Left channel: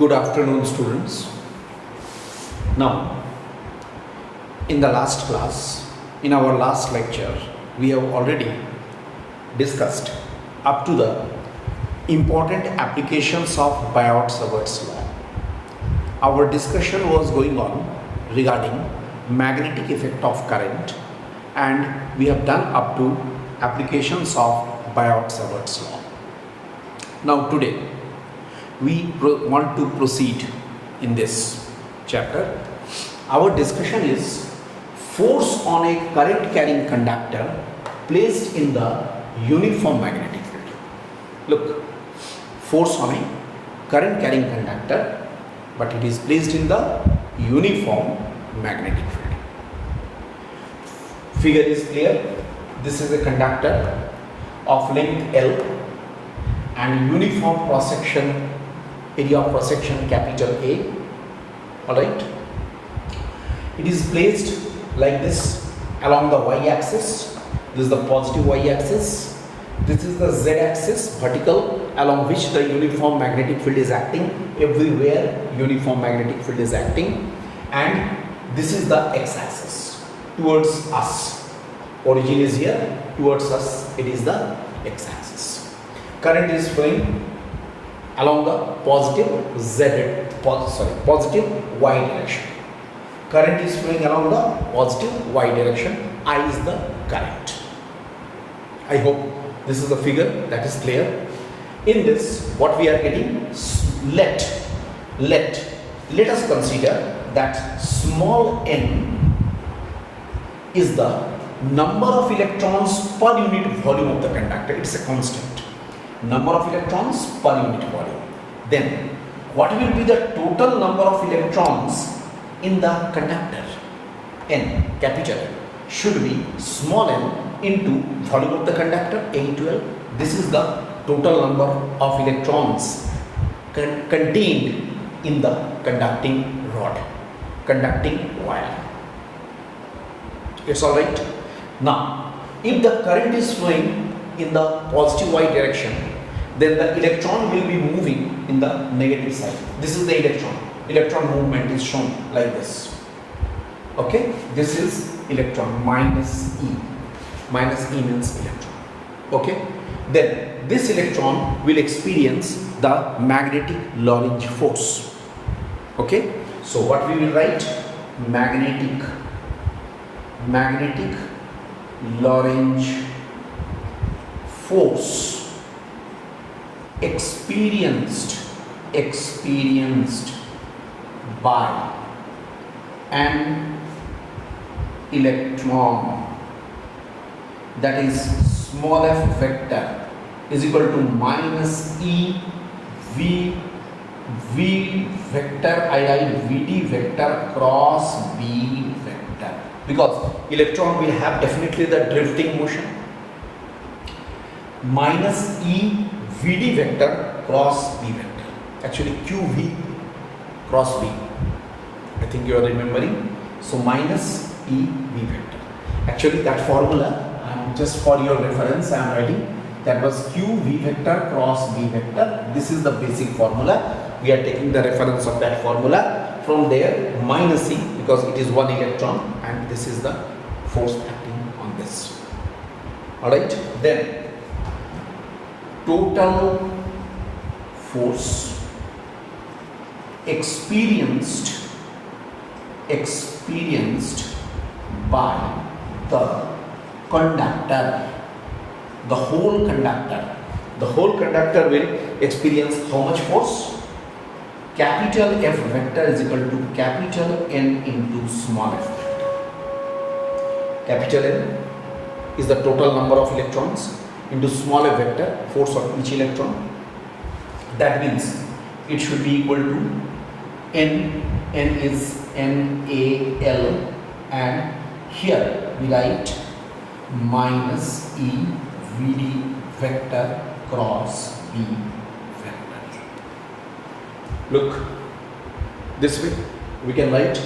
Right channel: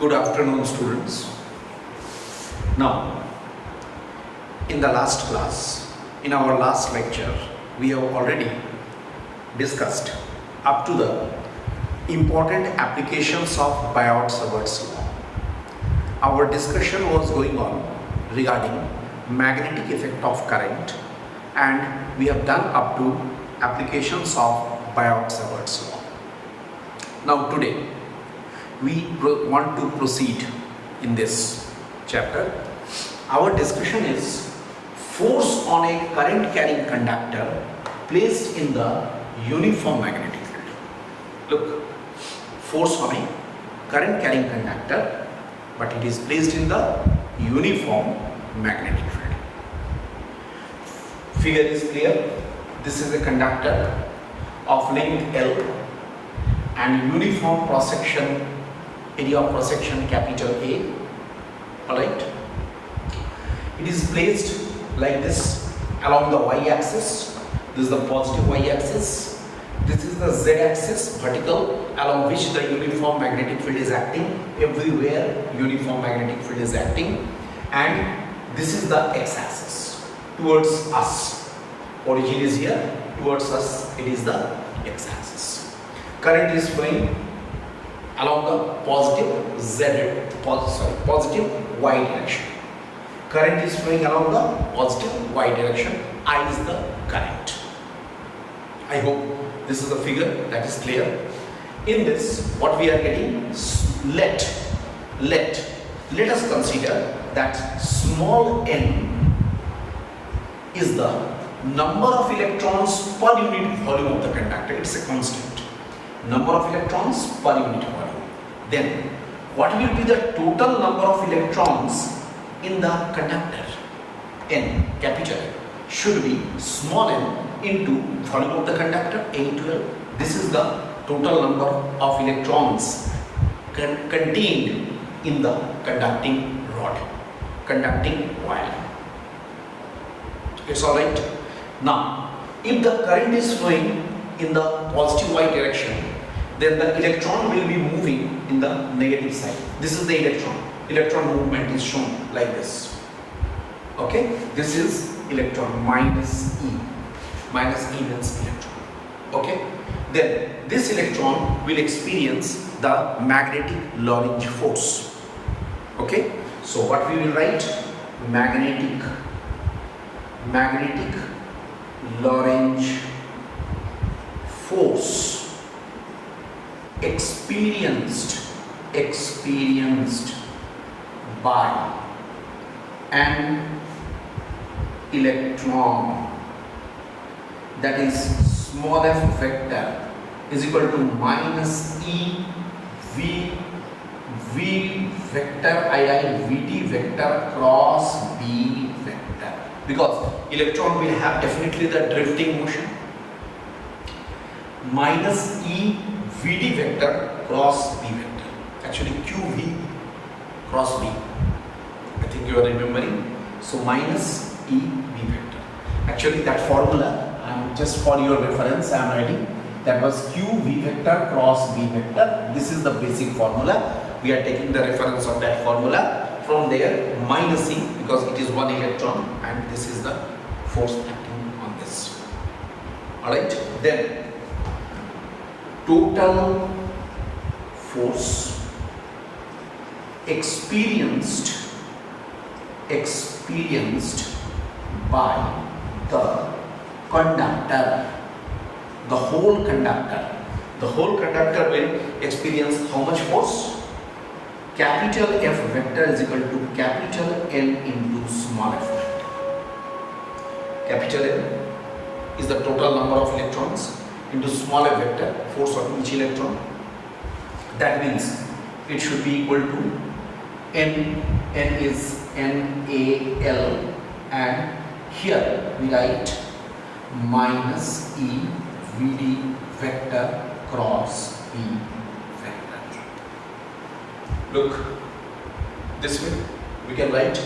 Good afternoon, students. Now, in the last class, in our last lecture, we have already discussed up to the important applications of Biot-Savart's law. Our discussion was going on regarding magnetic effect of current, and we have done up to applications of Biot-Savart's law. Now today, we want to proceed in this chapter. Our discussion is force on a current carrying conductor placed in the uniform magnetic field. Look, force on a current carrying conductor, but it is placed in the uniform magnetic field. Figure is clear. This is a conductor of length L and uniform cross section, area of cross section capital A. Alright, it is placed like this along the y-axis. This is the positive y-axis. This is the z-axis, vertical, along which the uniform magnetic field is acting. Everywhere uniform magnetic field is acting, and this is the x-axis towards us. Origin is here, towards us it is the x-axis. Current is flowing along the positive y direction. Current is flowing along the positive y direction. I is the current. I hope this is the figure that is clear. In this, what we are getting, let us consider that small n is the number of electrons per unit volume of the conductor. It's a constant. Number of electrons per unit volume. Then, what will be the total number of electrons in the conductor? N, capital N, should be small n into volume of the conductor, A into L. This is the total number of electrons contained in the conducting rod, conducting wire. It's alright. Now, if the current is flowing in the positive y direction, then the electron will be moving in the negative side. This is the electron. Electron movement is shown like this. Okay, this is electron minus E. Minus E means electron. Okay, then this electron will experience the magnetic Lorentz force. Okay, so what we will write? Magnetic Lorentz force experienced by an electron, that is small f vector, is equal to minus E V vector, I write Vd vector cross B vector, because electron will have definitely the drifting motion. Minus E Vd vector cross B vector, actually QV cross B, I think you are remembering. So minus E V vector, actually that formula, just for your reference I am writing, that was QV vector cross B vector. This is the basic formula. We are taking the reference of that formula. From there, minusing, because it is one electron, and this is the force acting on this. Alright, then total force experienced by the conductor, the whole conductor will experience how much force? Capital F vector is equal to capital N into small f vector. Capital N is the total number of electrons into small f vector, force on each electron. That means it should be equal to N is NaL, and here we write minus E Vd vector cross B vector. Look, this way we can write.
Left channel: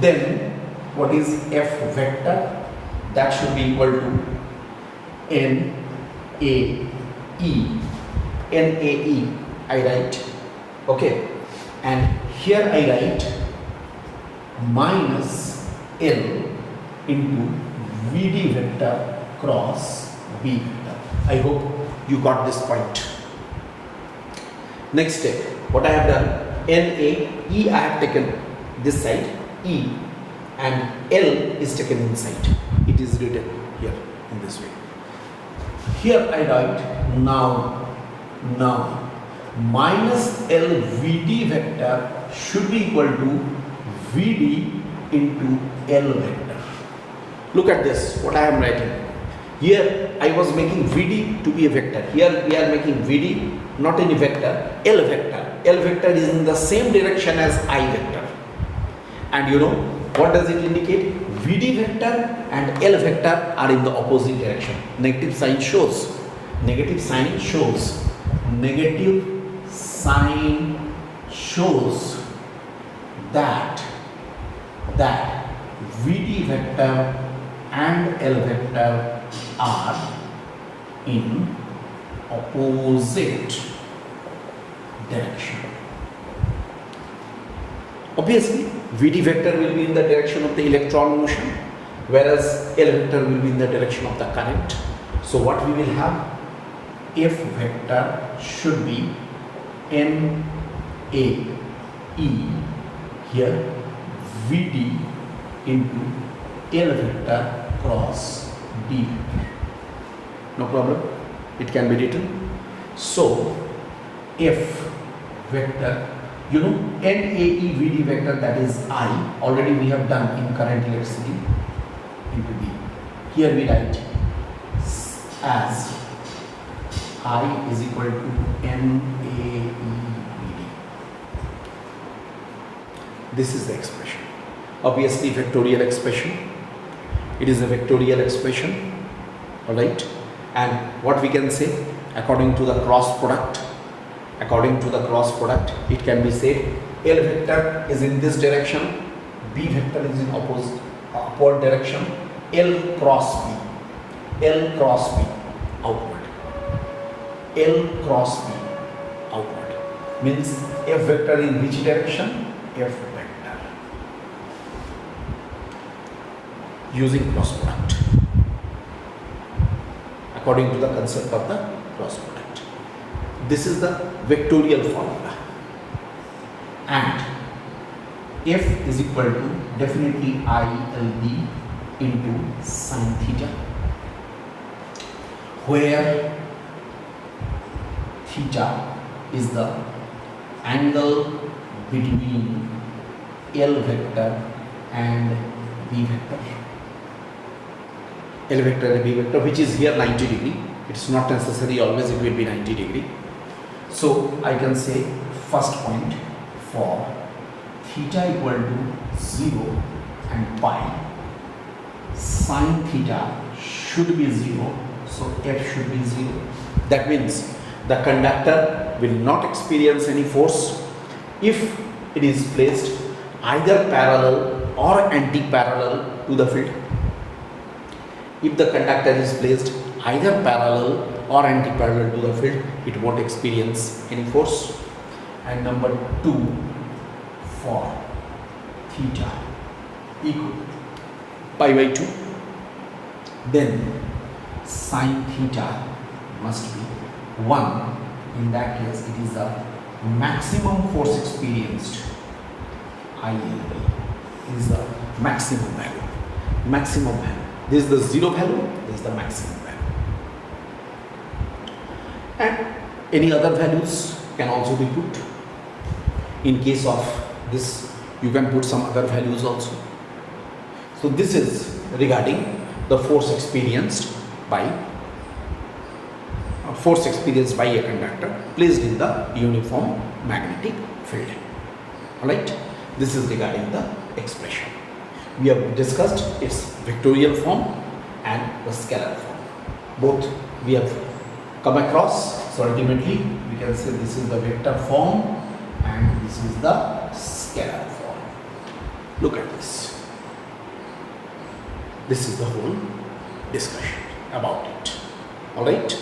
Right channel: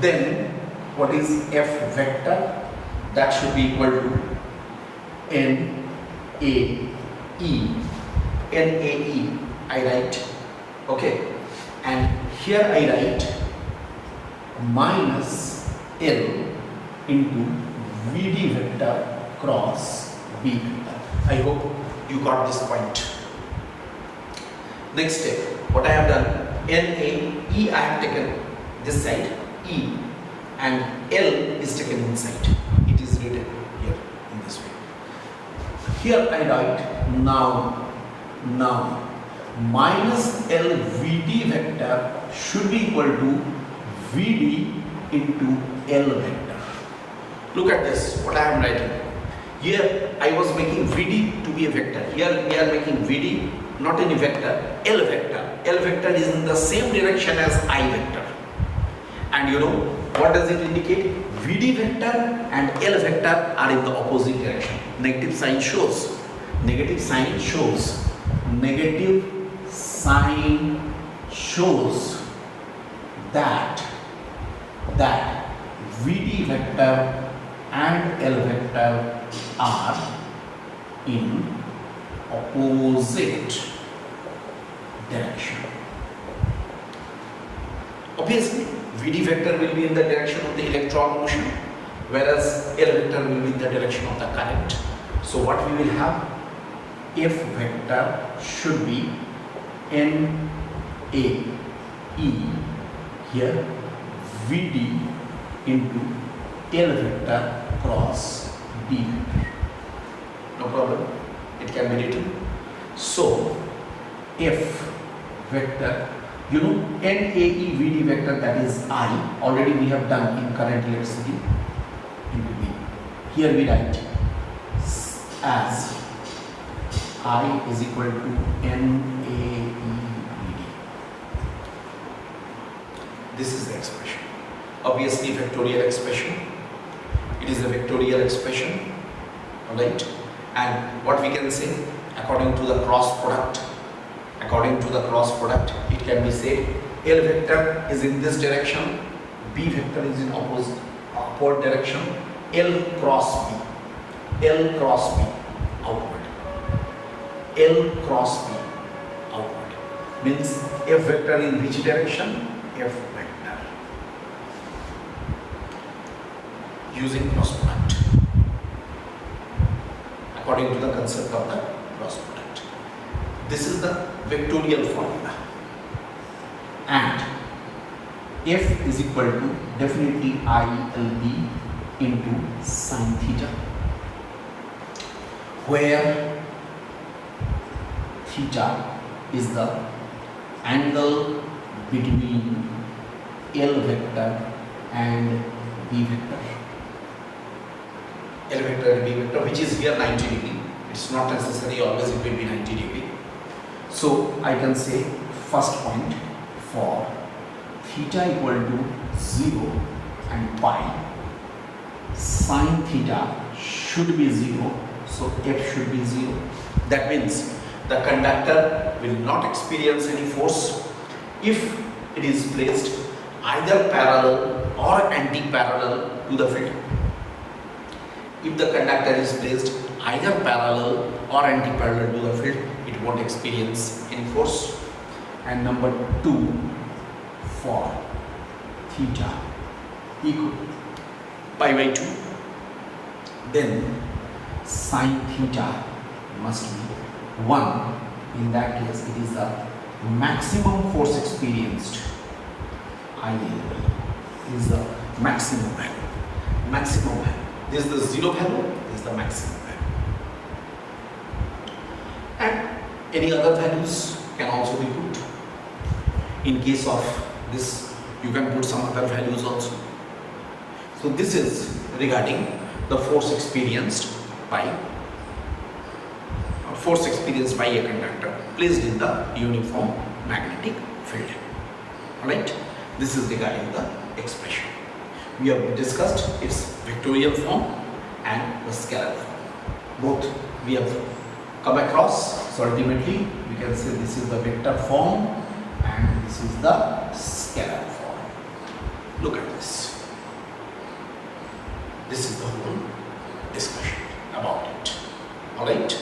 Then what is F vector? That should be equal to NaE. NaE, I write. Okay. and here I write minus L into VD vector cross B vector. I hope you got this point. Next step, what I have done, E I have taken this side, E, and L is taken inside. It is written here in this way. Here I write now minus L VD vector should be equal to VD into L vector. Look at this, what I am writing. Here I was making VD to be a vector. Here we are making VD not in a vector, L vector. L vector is in the same direction as I vector. And you know, what does it indicate? VD vector and L vector are in the opposite direction. Negative sign shows that VD vector and L vector are in opposite direction. Obviously, VD vector will be in the direction of the electron motion, whereas L vector will be in the direction of the current. So what we will have, F vector should be NAE here, VD into L vector cross B vector. No problem, it can be written. So F vector, you know, NAE VD vector, that is I, already we have done in current electricity, into B. Here we write as I is equal to NAE VD. This is the expression. Obviously vectorial expression. It is a vectorial expression, alright. And what we can say, according to the cross product, it can be said L vector is in this direction, B vector is in upward direction, L cross B outward, L cross B outward, means F vector in which direction? F vector, using cross product, according to the concept of the cross product. This is the vectorial formula, and F is equal to definitely ILB into sine theta, where theta is the angle between L vector and B vector. L vector and B vector, which is here 90 degree. It's not necessary always it will be 90 degree. So I can say first point, for theta equal to 0 and pi, sine theta should be 0, so F should be 0. That means the conductor will not experience any force if it is placed either parallel or anti-parallel to the field. If the conductor is placed either parallel or anti-parallel to the field, it won't experience any force. And number 2, for theta equal pi by 2, then sine theta must be 1. In that case, it is the maximum force experienced. ILB is the maximum value. This is the zero value, this is the maximum value. And any other values can also be put. In case of this, you can put some other values also. So this is regarding the force experienced by a conductor placed in the uniform magnetic field. Alright, this is regarding the expression. We have discussed its vectorial form and the scalar form. Both we have come across. So ultimately we can say this is the vector form and this is the scalar form. Look at this. This is the whole discussion about it. Alright.